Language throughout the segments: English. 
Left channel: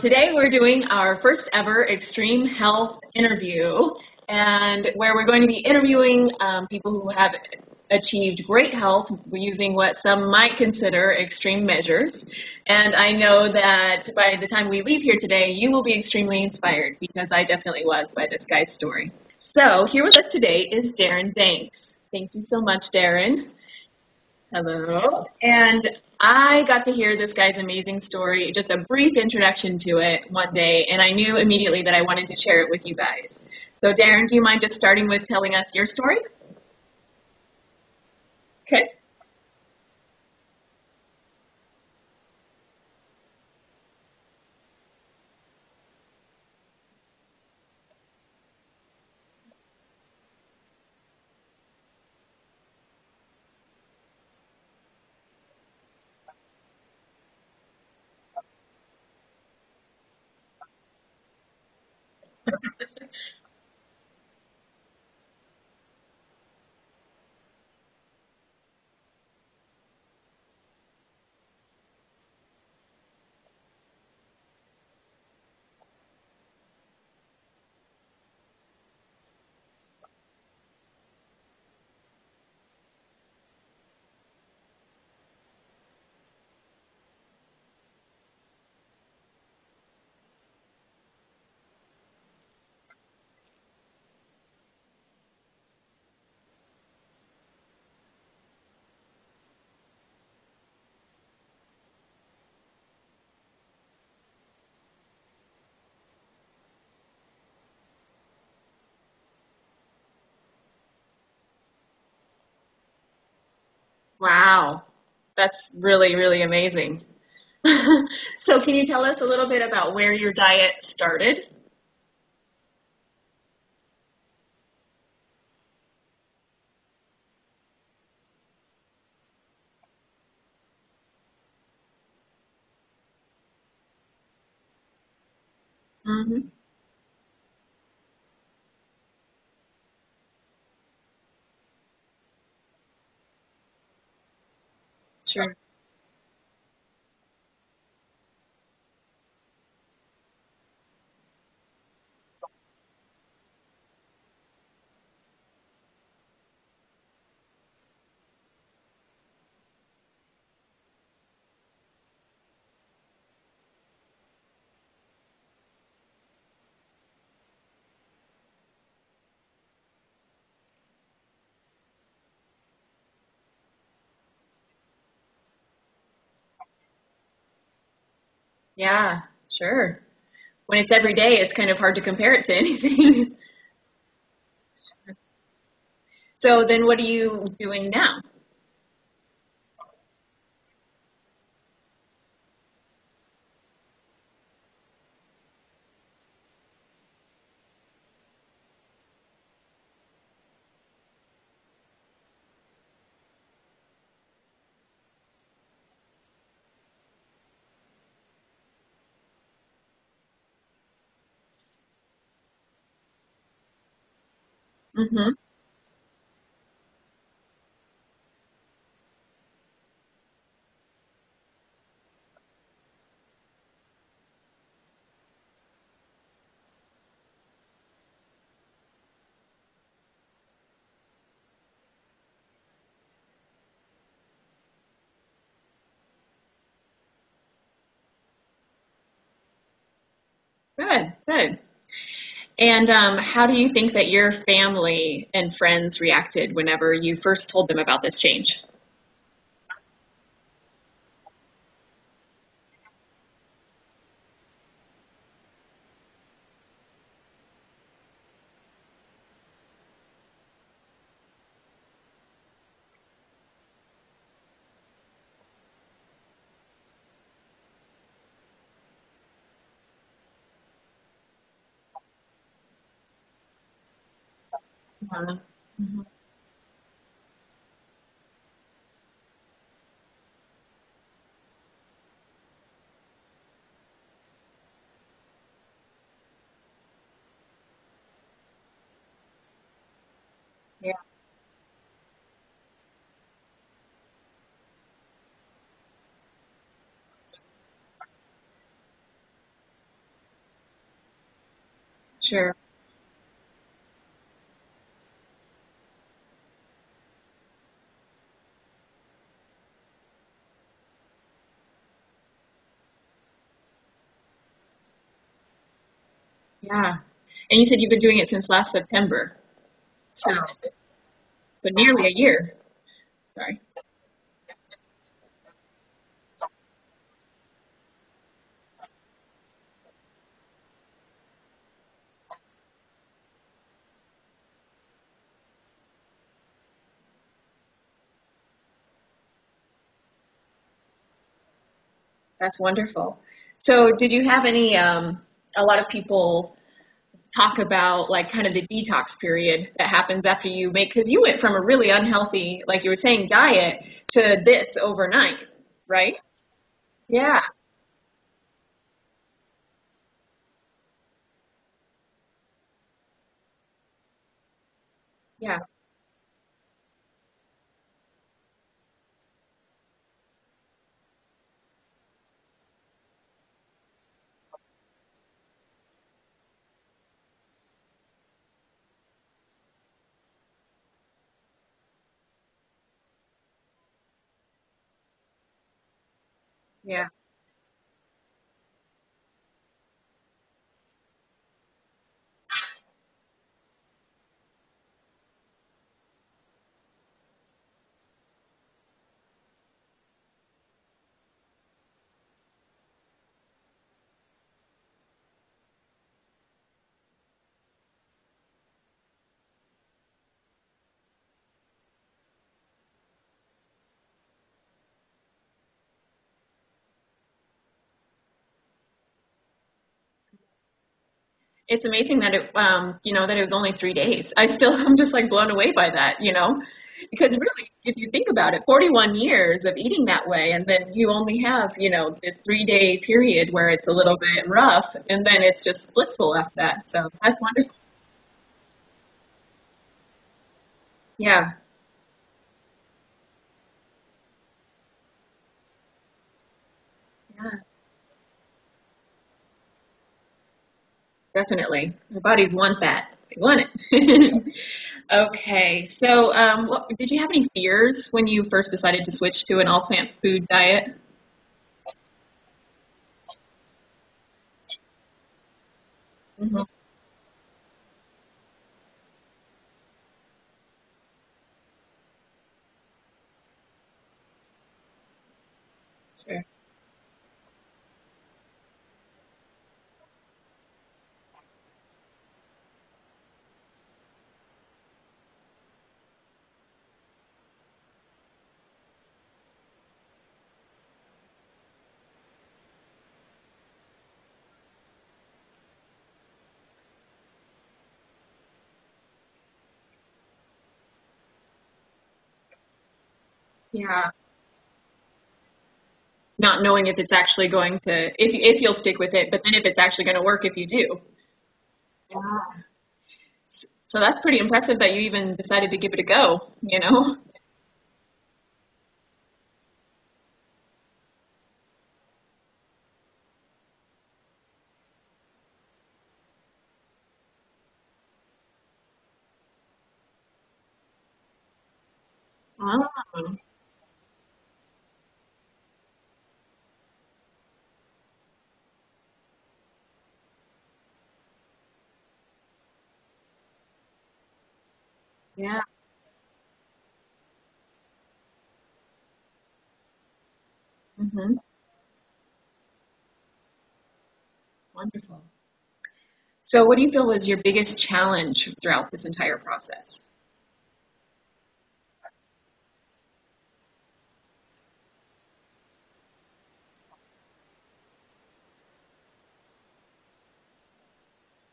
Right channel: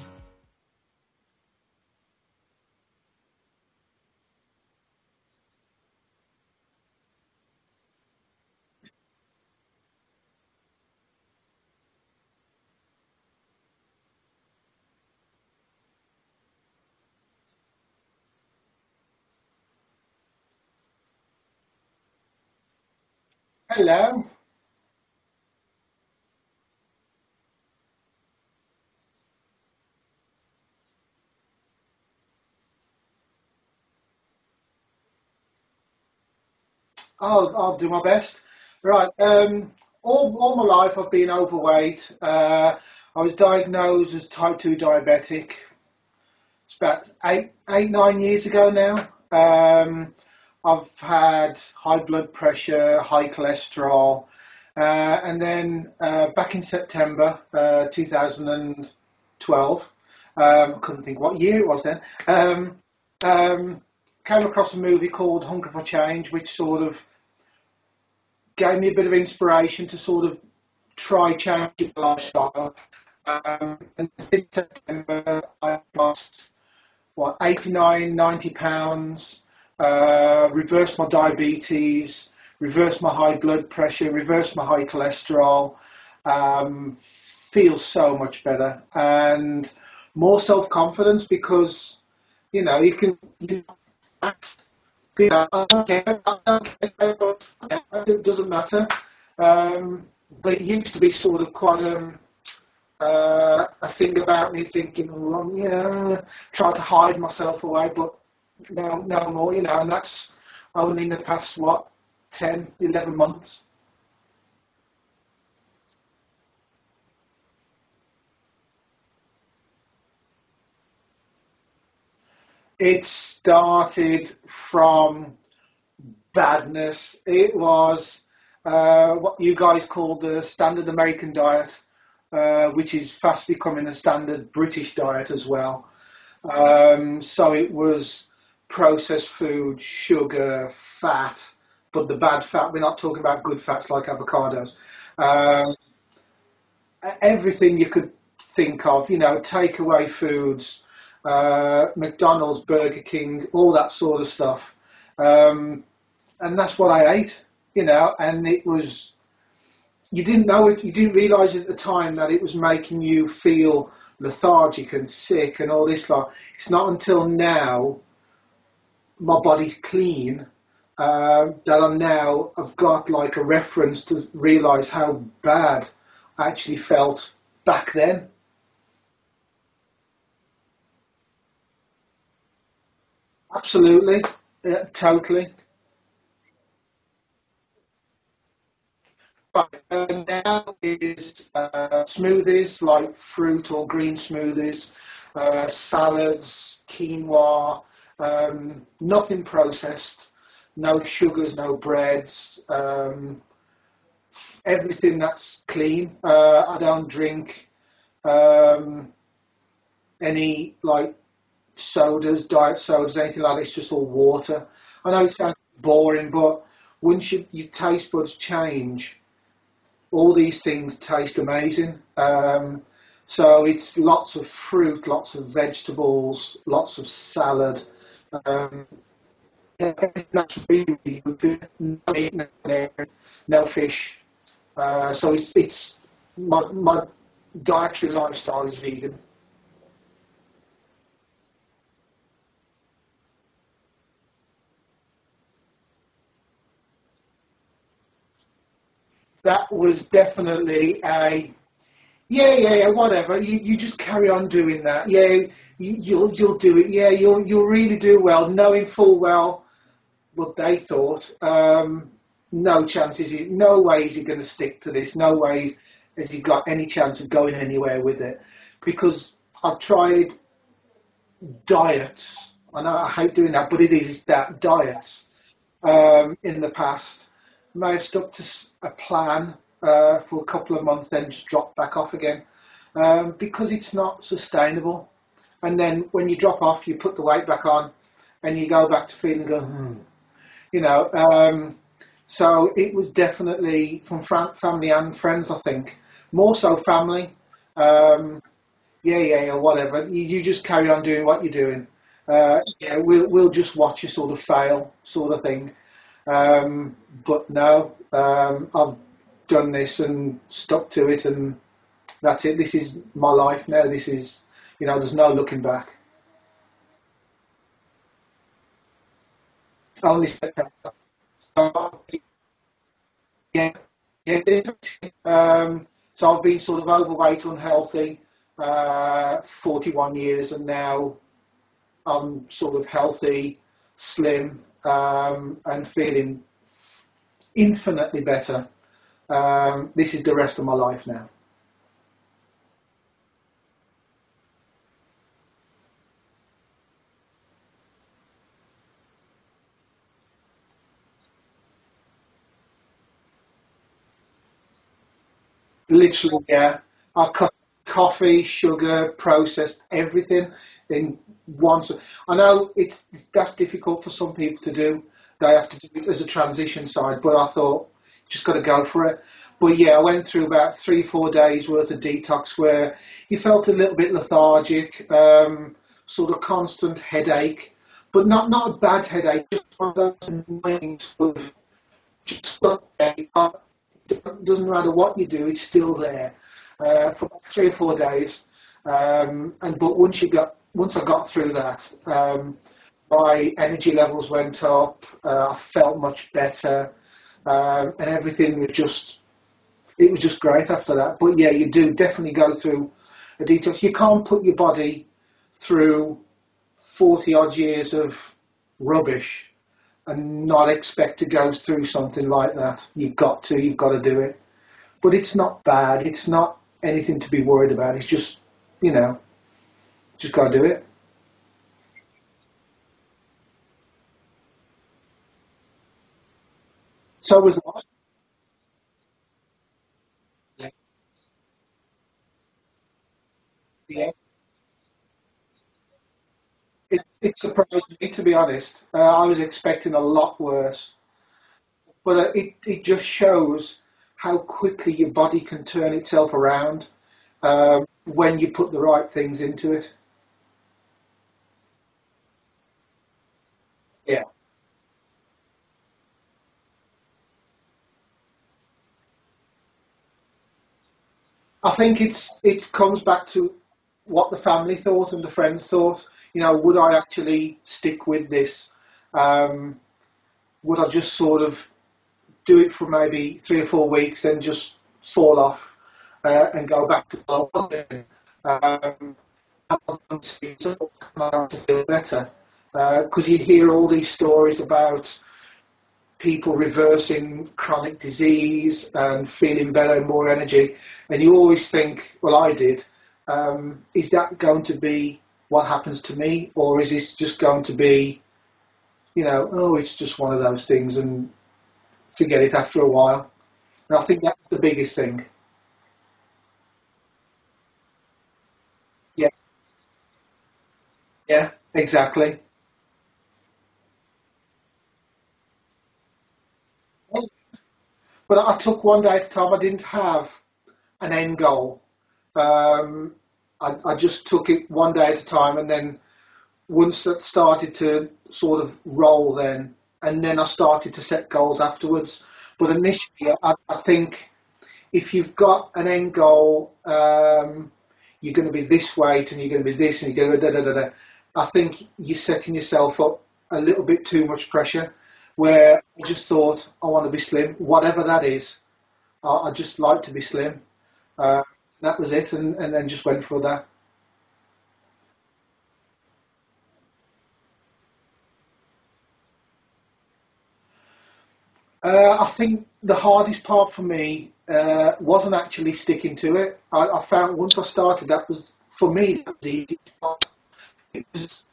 today we're doing our first ever extreme health interview, and where we're going to be interviewing people who have achieved great health using what some might consider extreme measures. And I know that by the time we leave here today, you will be extremely inspired, because I definitely was by this guy's story. So here with us today is Darren Danks. Thank you so much, Darren. Hello. Hello. And I got to hear this guy's amazing story, just a brief introduction to it one day, and I knew immediately that I wanted to share it with you guys. So Darren, do you mind just starting with telling us your story? I'll do my best. Okay. Right. All my life I've been overweight. I was diagnosed as type 2 diabetic. It's about eight, 9 years ago now. I've had high blood pressure, high cholesterol. And then back in September 2012, I couldn't think what year it was then, came across a movie called Hunger for Change, which sort of gave me a bit of inspiration to sort of try changing my lifestyle. And since September, I've lost, 89, 90 pounds, reversed my diabetes, reversed my high blood pressure, reversed my high cholesterol, feel so much better and more self-confidence, because, you know, I don't care, it doesn't matter. But it used to be sort of quite a thing about me thinking, well, yeah, trying to hide myself away, but no more, you know, and that's only in the past, 10, 11 months. Wow. That's really, really amazing. So can you tell us a little bit about where your diet started? It started from badness. It was what you guys call the standard American diet, which is fast becoming a standard British diet as well. Mm-hmm. So it was processed food, sugar, fat, but the bad fat. We're not talking about good fats like avocados. Sure. Everything you could think of, you know, takeaway foods, McDonald's, Burger King, all that sort of stuff. And that's what I ate, you know, and it was, you didn't know it, you didn't realise at the time that it was making you feel lethargic and sick and all this lot. It's not until now my body's clean that I've got like a reference to realise how bad I actually felt back then. Yeah, sure. When it's every day, it's kind of hard to compare it to anything. Absolutely, yeah, totally. So then what are you doing now? Now is smoothies, like fruit or green smoothies, salads, quinoa, nothing processed, no sugars, no breads, everything that's clean. I don't drink any like sodas, diet sodas, anything like that. It's just all water. Mm-hmm. I know it sounds boring, but once your taste buds change, all these things taste amazing. So it's lots of fruit, lots of vegetables, lots of salad. That's really, really good. No meat, no dairy, no fish. So it's my dietary lifestyle is vegan. Good, good. And how do you think that your family and friends reacted whenever you first told them about this change? That was definitely yeah, whatever. You just carry on doing that. Yeah, you'll do it. Yeah, you'll really do well, knowing full well what they thought. No chance is he, no way is he going to stick to this. No way has he got any chance of going anywhere with it, because I've tried diets. I know I hate doing that, but it's that diets in the past. May have stuck to a plan for a couple of months, then just dropped back off again, because it's not sustainable. And then when you drop off, you put the weight back on, and you go back to feeling, you know. So it was definitely from family and friends, I think, more so family. yeah, whatever. You just carry on doing what you're doing. Sure. Yeah, we'll just watch you sort of fail, sort of thing. But no, I've done this and stuck to it, and that's it. This is my life now. This is, there's no looking back. Yeah. And you said you've been doing it since last September. Only So, so nearly a year. Sorry. yeah, yeah. It is. So I've been sort of overweight, unhealthy, 41 years, and now I'm sort of healthy, slim, and feeling infinitely better. This is the rest of my life now. That's wonderful. So did you have any, a lot of people talk about like kind of the detox period that happens after you make, because you went from a really unhealthy, like you were saying, diet to this overnight, right? Literally, yeah. I Yeah. cut coffee, sugar, processed everything in one. I know that's difficult for some people to do. They have to do it as a transition side, but I thought just got to go for it. But yeah, I went through about 3-4 days worth of detox where you felt a little bit lethargic, sort of constant headache, but not a bad headache, just one of those annoying sort of just stuck there. It doesn't matter what you do, it's still there for about 3 or 4 days. But once I got through that, my energy levels went up. I felt much better, and everything was just great after that. But yeah, you do definitely go through a detox. You can't put your body through 40 odd years of rubbish and not expect to go through something like that. You've got to do it. But it's not bad. It's not anything to be worried about. It's just, just got to do it. It's amazing that that it was only 3 days. I'm just like blown away by that, because So really, if you think about it, 41 years of eating that way, and then you only have, this 3-day period where it's a little bit rough, and then it's just blissful after that. So it that's wonderful. surprised me, to be honest. I was expecting a lot worse. Yeah, But it just shows how quickly your body can turn itself around when you put the right things into it. definitely. Our bodies want that. They want Yeah. it. Okay, so did you have any fears when you first decided to switch to an all-plant food diet? I think it comes back to what the family thought and the friends thought. Mhm. Would I actually stick with this? Would I just sort of do it for maybe 3 or 4 weeks, then just fall off and go back to what I was doing? I want to feel better because you hear all these stories about people reversing chronic disease and feeling better, more energy, and you always think, well, I did. Is that going to be what happens to me, or is this just going to be, oh, it's just one of those things and forget it after a while? And I Yeah, think that's the biggest thing. not knowing if it's actually going to, if you'll stick with Yeah, it, but then if it's actually going to work if you do. yeah, exactly. Wow. So that's pretty impressive that you even decided to give it a go. But I took one day at a time. I didn't have an end goal. Um, I just took it one day at a time, and then once that started to sort of roll, and then I started to set goals afterwards. But Wow. initially, I think if you've got an end goal, you're going to be this weight, and you're going to be this, and you're going to be da da da da. I think you're setting yourself up a little bit too much pressure. Yeah. Where I just thought I want to be slim, whatever that is. I just like to be slim. Hmm. Uh, that was it, and then just went for that. Wonderful. So what do you feel was your biggest challenge throughout this entire process? I think the hardest part for me wasn't actually sticking to it. I found once I started, that was for me that was the easy part. It was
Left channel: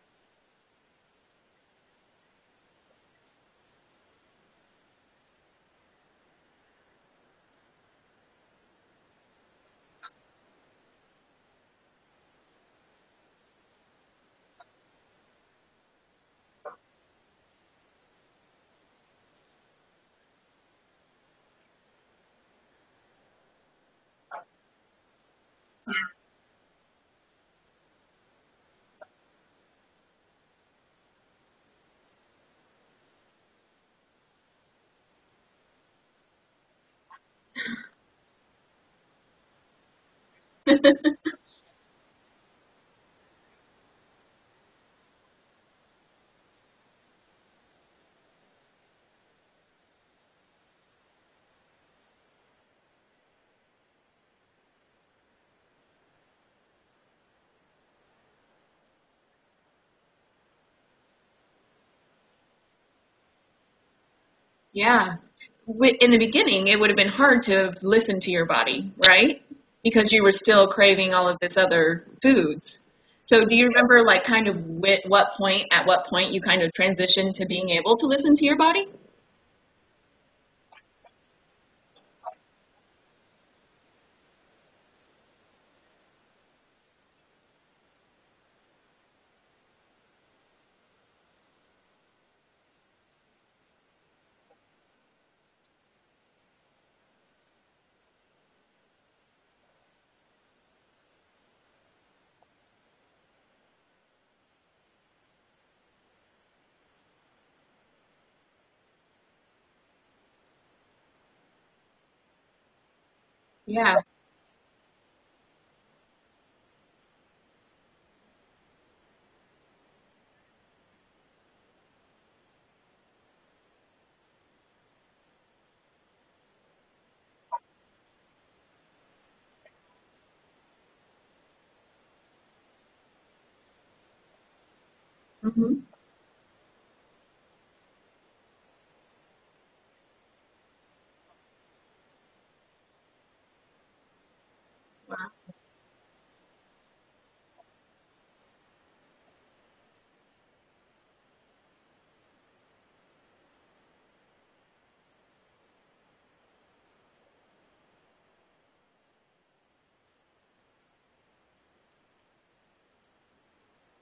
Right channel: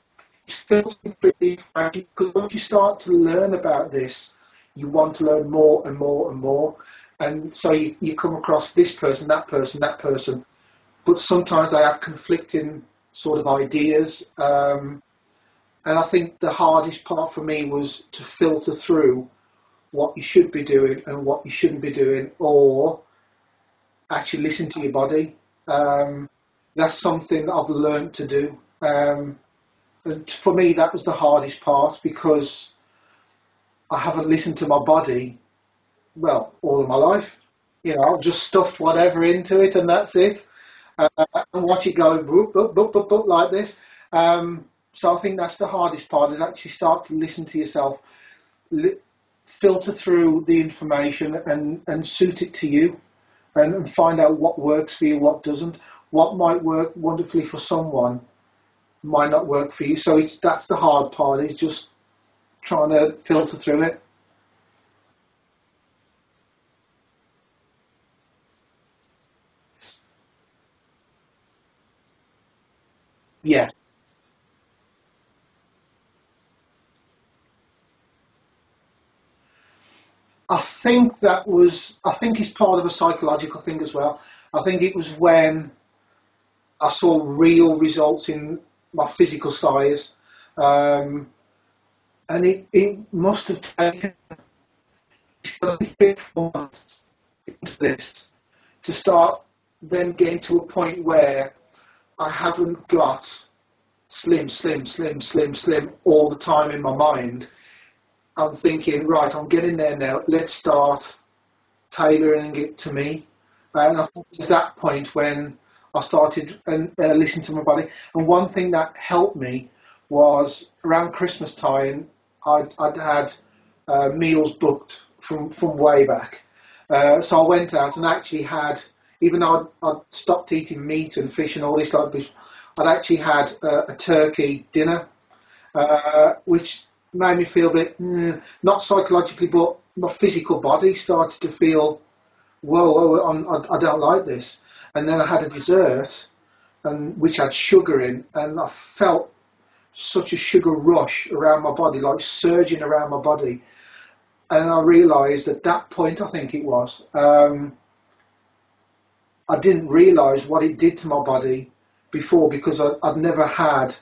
filtering through the information because once you start to learn about this, you want to learn more and more and more, and so you come across this person, that person, that person, but sometimes they have conflicting sort of ideas. And I think the hardest part for me was to filter through what you should be doing and what you shouldn't be doing, or actually listen to your body. Yeah. that's something that I've learned to do. And for me, that was the hardest part because I haven't listened to my body, well, all of my life. You know, I've just stuffed whatever into it and that's it. And watch it go boop, boop, boop, boop, boop, like this. So I think that's the hardest part, is actually start to listen to yourself, filter through the information and suit it to you, and find out what works for you, what doesn't. What might work wonderfully for someone might not work for you. So that's the hard part, is just trying to filter through it. Yeah. In the beginning, it would have been hard to listen to your body, right? Because you were still craving all of this other foods. So do you remember, like, kind of at what point you kind of transitioned to being able to listen to your body? I think it's part of a psychological thing as well. I think it was when I saw real results in my physical size, and it must have taken 4 months into this to start then getting to a point where I haven't got slim all the time in my mind. I'm thinking, right, I'm getting there now. Let's start tailoring it to me. Yeah. And I think it was that point when I started listening to my body. And one thing that helped me was around Christmas time, I'd had meals booked from way back. So I went out and actually had, even though I'd stopped eating meat and fish and all this kind of stuff, I'd actually had a turkey dinner, which made me feel a bit, not psychologically, but my physical body started to feel, whoa, I don't like this. And then I had a dessert, which had sugar in, and I felt such a sugar rush around my body, like surging around my body. And I realised at that point, I think it was, I didn't realise what it did to my body before, because I'd never had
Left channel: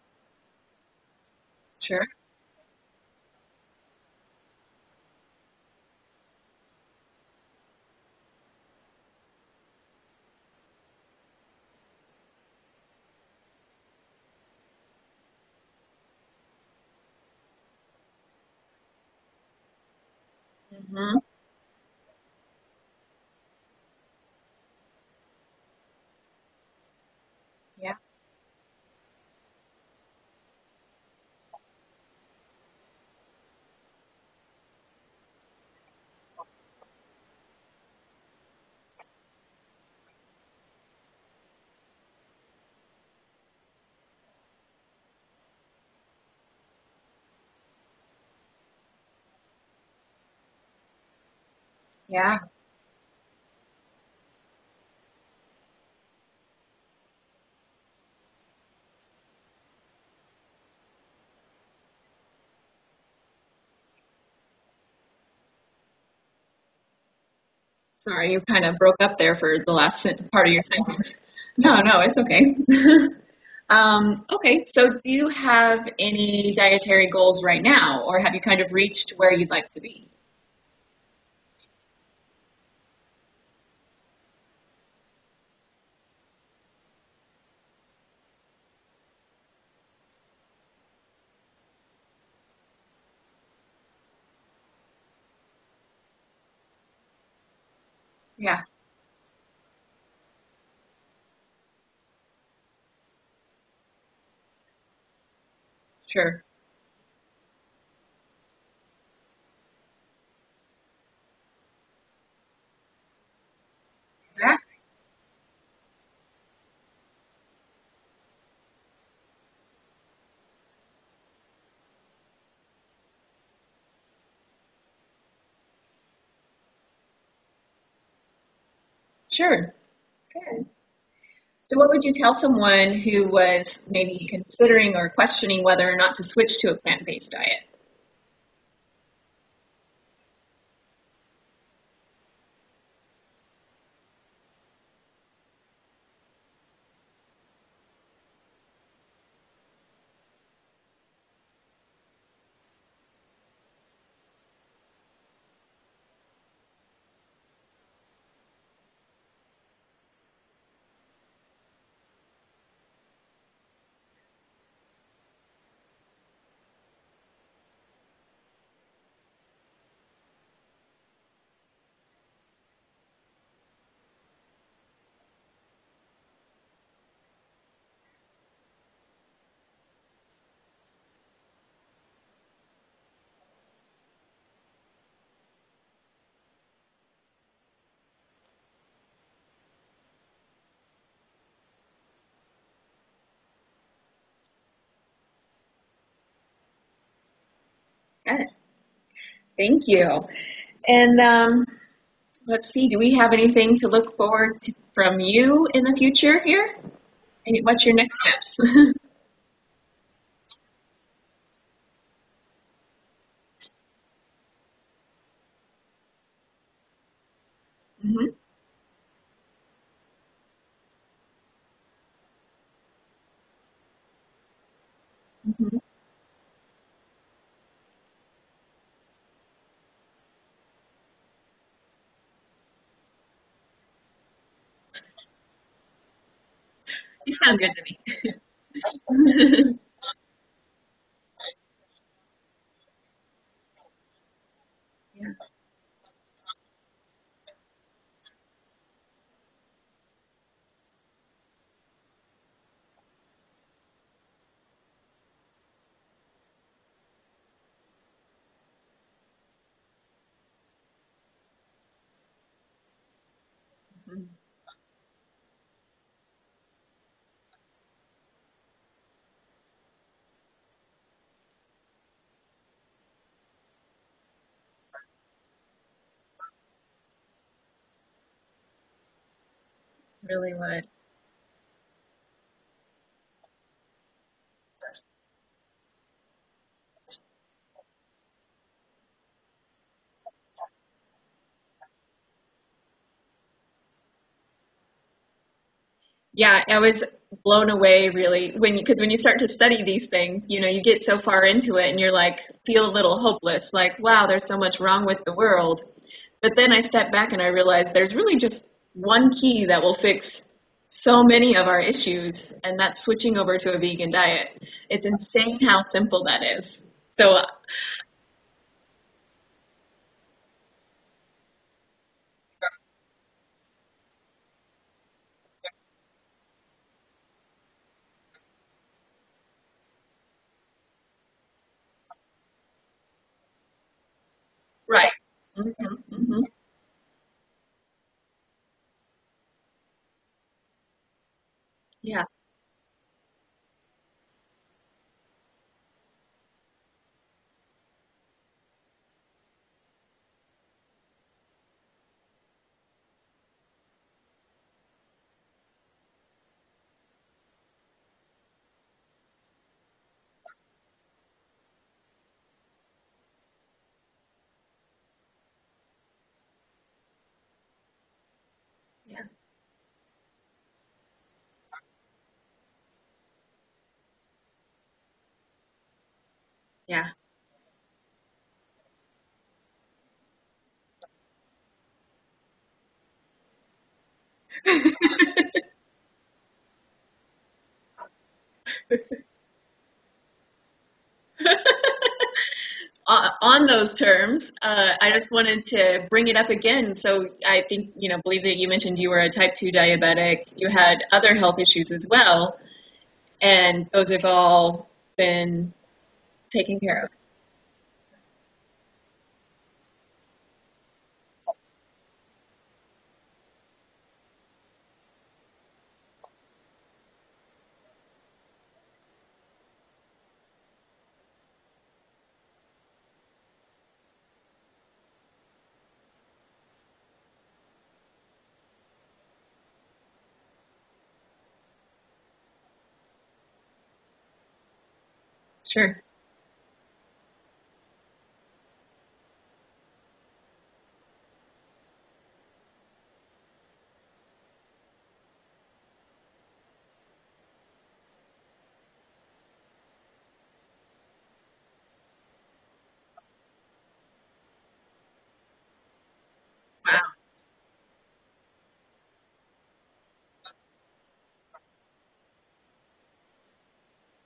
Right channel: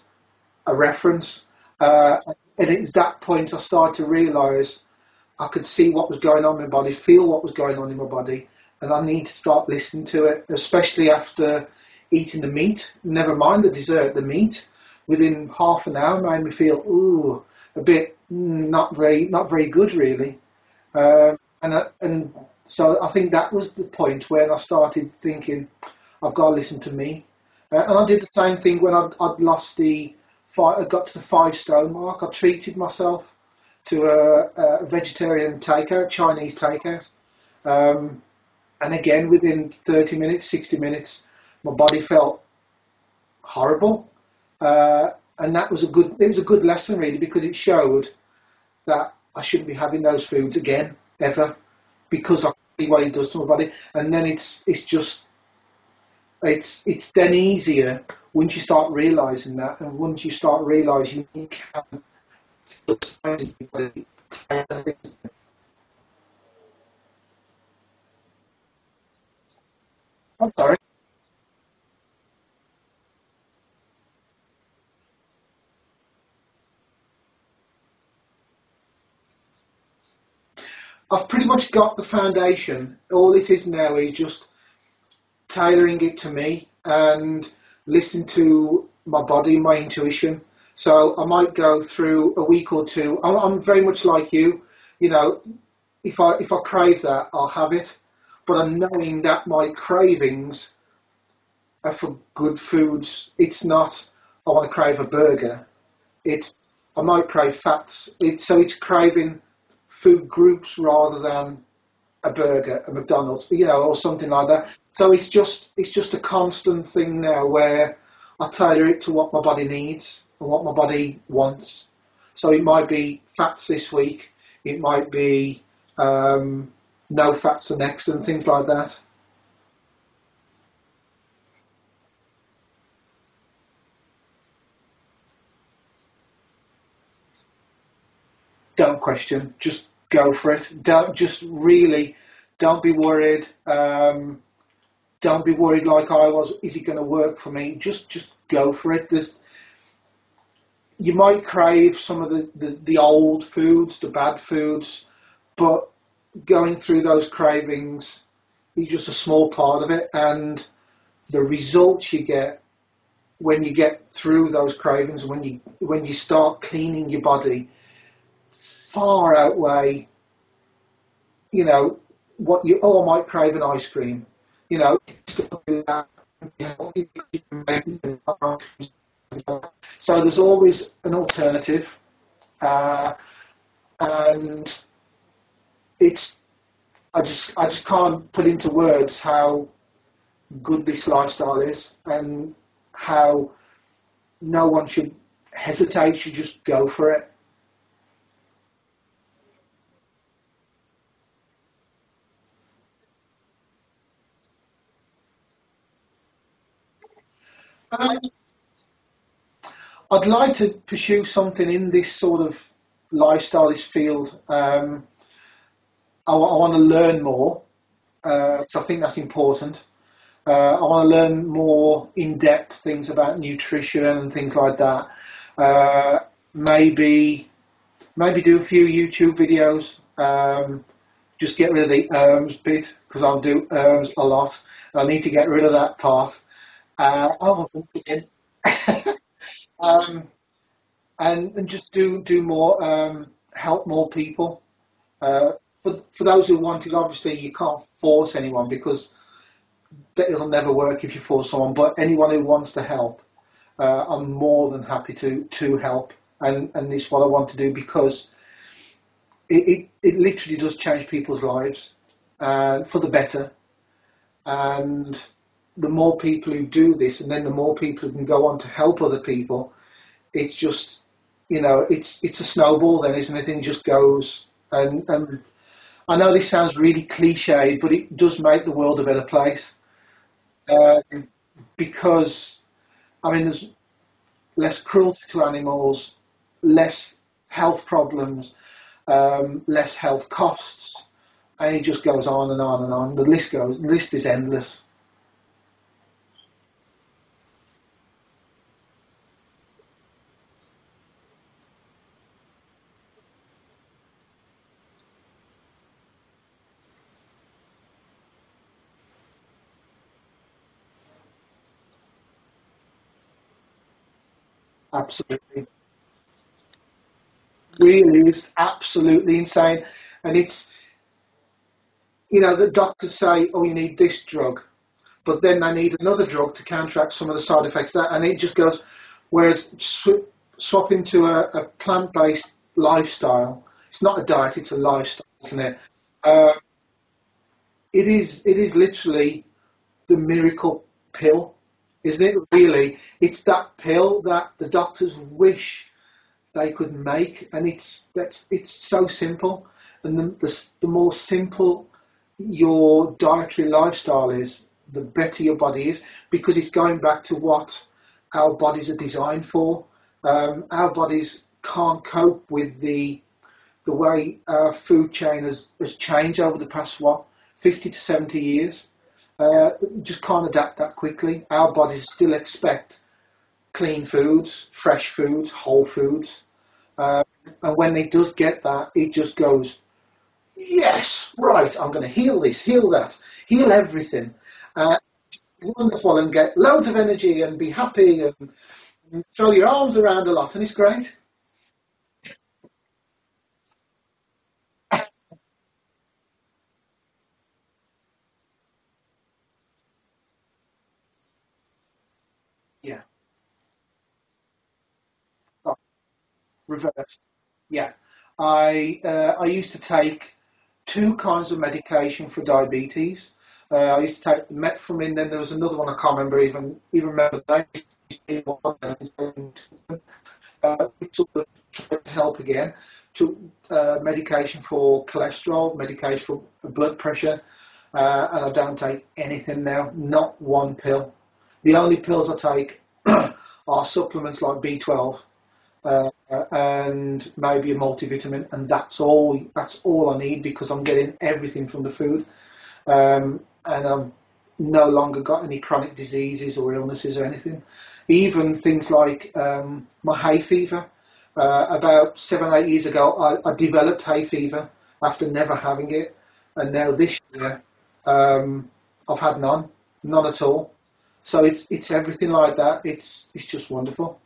a reference. Sure. And it's that point I started to realise I could see what was going on in my body, feel what was going on in my body, and I need to start listening to it, especially after eating the meat. Never mind the dessert, the meat. Within half an hour made me feel, a bit not very good, really. And so I think that was the point when I started thinking, I've got to listen to me. And I did the same thing when I'd lost I got to the 5 stone mark. I treated myself to a vegetarian takeout, Chinese takeout. And again, within 30 minutes, 60 minutes, my body felt horrible. And it was a good lesson, really, because it showed that I shouldn't be having those foods again, ever, because I can see what it does to my body. And then it's then easier once you start realising that, and once you start realising you can feel your body. Sorry, you kind of broke up there for the last part of your Sorry. sentence. No, it's okay. Okay, so do you have any dietary goals right now, or have you kind of reached where you'd like to be? I've pretty much got the foundation. All it is now is just tailoring it to me and listen to my body, my intuition. So I might go through a week or two. I'm very much like you. You know, if I crave that, I'll have it. Yeah. But I'm knowing that my cravings are for good foods. It's not, I want to crave a burger. Sure. I might crave fats. So it's craving food groups rather than a burger, a McDonald's, or something like that. So it's just a constant thing now where I tailor it to what my body needs and what my body wants. So it might be fats this week, it might be no fats the next, and things like that. Sure. Good. So what would you tell someone who was maybe considering or questioning whether or not to switch to a plant-based diet? Don't question, just go for it. Don't be worried. Don't be worried like I was. Is it going to work for me? Just go for it. You might crave some of the old foods, the bad foods, but going through those cravings is just a small part of it, and the results you get when you get through those cravings, when you start cleaning your body, far outweigh, you know, what you, oh, I might crave an ice cream. You know, still do that. So there's always an alternative, and it's, I just can't put into words how good this lifestyle is, and how no one should hesitate, should just go for it. Okay. Thank you. And let's see, do we have anything to look forward to from you in the future here? What's your next steps? I'd like to pursue something in this sort of lifestyle, this field. I want to learn more, because I think that's important. I want to learn more in-depth things about nutrition and things like that. Maybe do a few YouTube videos. Just get rid of the bit, because I'll do a lot. I need to get rid of that part. That sounds good to me. And just do more, help more people. For those who want it, obviously you can't force anyone, because it'll never work if you force someone. But anyone who wants to help, I'm more than happy to help. And it's what I want to do, because it literally does change people's lives, for the better. And the more people who do this, and then the more people who can go on to help other people, it's just, you know, it's a snowball then, isn't it? And it just goes. And I know this sounds really cliche, but it does make the world a better place. Really well. Because, I mean, there's less cruelty to animals, less health problems, less health costs, and it just goes on and on and on. The list is endless. Yeah, I was blown away really because when you start to study these things, you know, you get so far into it and you're like, feel a little hopeless, like, wow, there's so much wrong with the world. But then I step back and I realized there's really just one key that will fix so many of our issues, and that's switching over to a vegan diet. It's Absolutely. insane how simple that is. So Really is absolutely insane. And it's, you know, the doctors say, oh, you need this drug, but then they need another drug to counteract some of the side effects of that, and it just goes. Whereas swapping to a plant-based lifestyle, it's not a diet, it's a lifestyle, right, isn't it? It is literally the miracle pill, isn't it? Really, it's that pill that the doctors wish they could make, and it's so simple. And the more simple your dietary lifestyle is, the better your body is, because it's going back to what our bodies are designed for. Our bodies can't cope with the way our food chain has changed over the past 50 to 70 years. Just can't adapt that quickly. Our bodies still expect clean foods, fresh foods, whole foods. And when it does get that, it just goes, yes, right, I'm going to heal this, heal that, heal everything. Wonderful, and get loads of energy and be happy and throw your arms around a lot, and it's great. On those terms, I just wanted to bring it up again. So I think, believe that you mentioned you were a type 2 diabetic. You had other health issues as well. Yeah. And those have all been taken care of. Yeah. I used to take 2 kinds of medication for diabetes. I used to take metformin, then there was another one I can't even remember the name. Sort of tried to help again. Took medication for cholesterol, medication for blood pressure, and I don't take anything now, not one pill. The only pills I take are supplements like B12, sure, and maybe a multivitamin, and that's all I need, because I'm getting everything from the food, and I'm no longer got any chronic diseases or illnesses or anything. Even things like my hay fever. About 7-8 years ago, I developed hay fever after never having it, and now this year I've had none at all. So it's everything like that. It's just wonderful.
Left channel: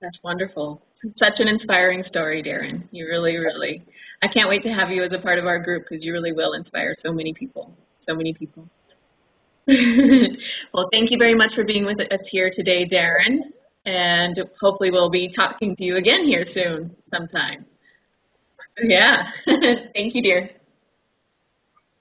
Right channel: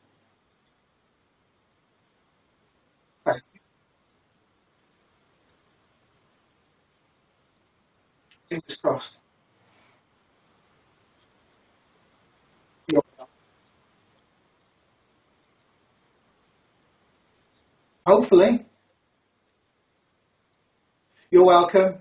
That's wonderful. It's such an inspiring story, Darren. You really, really. I can't wait to have you as a part of our group because you really will inspire so many people. So many people. Fingers crossed. Well, thank you very much for being with us here today, Darren. And hopefully we'll be talking to you again here soon, sometime. Hopefully. Yeah. Thank you, dear. You're welcome.